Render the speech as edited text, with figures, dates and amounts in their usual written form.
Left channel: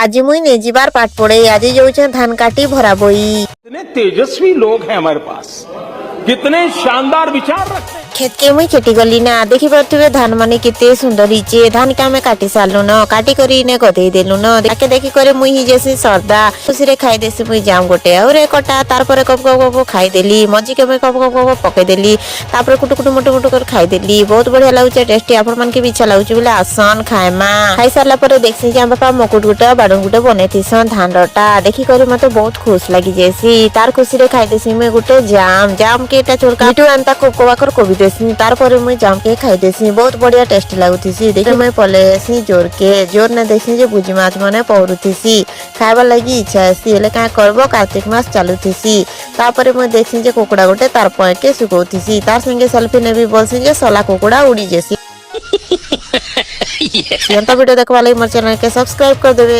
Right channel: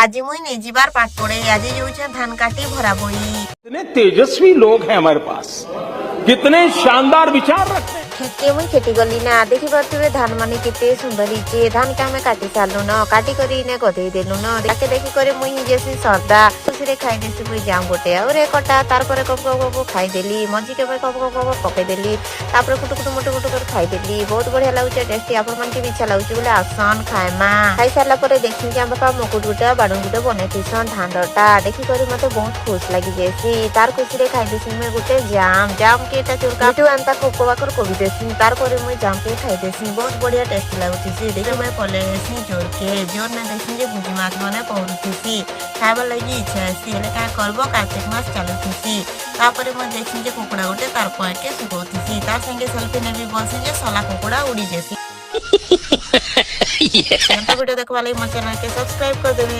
आज मुई ने जीवार पाठ पड़े आज जाऊँ धान काटी भरा बोई। कितने तेजस्वी लोग हैं हमारे पास, कितने शानदार विचार रखते हैं। खेत के मुई छुटी गली ना देखी पारे धान माने कितने सुंदर हीचे धान के हमें काटी सारू न काटी करी ने गधे देलु न देखे देखी करे मुई ही जैसे श्रद्धा खुशी खाई देसी मुई जाऊँ गोटे और कटा तार पर कप कप खाईदेली मझी के कप कप पकईदेली कुटु कुटु मुटु मुटु कर खाईदेली बहुत बढ़िया लगुचे टेस्टी आप मन के भी इच्छा लगुचे बोले आसन खाएमा खाई सारा पर देखी कि बापा मकुट गुटे बाड़न गुटे बनईथीसन धान रटा देखी करे मत बहुत खुश लगी जैसी तार खुशी खाई देसी मुई गुटे जाम जाम के चोरका मिठू आनता कोबाकर कोबी देसी तार पर मुई जाम के खाई देसी बहुत बढ़िया टेस्ट लगुथीसी देखि मुई पलेसी जोर ने देखी जे बुझी माछ माने पहरुथीसी खाइबा लगी इच्छा आसी हेले का करबो कार्तिक मास चालुथीसी तापर मुई देखी जे कुकुड़ा गोटे तार पॉइंट सुखौथीसी तार संगे सेल्फी नेबी बोलसी जे सला कुकुड़ा उड़ी जेसी वीडियो देखवा लागि मोर चैनल के सब्सक्राइब कर देबे।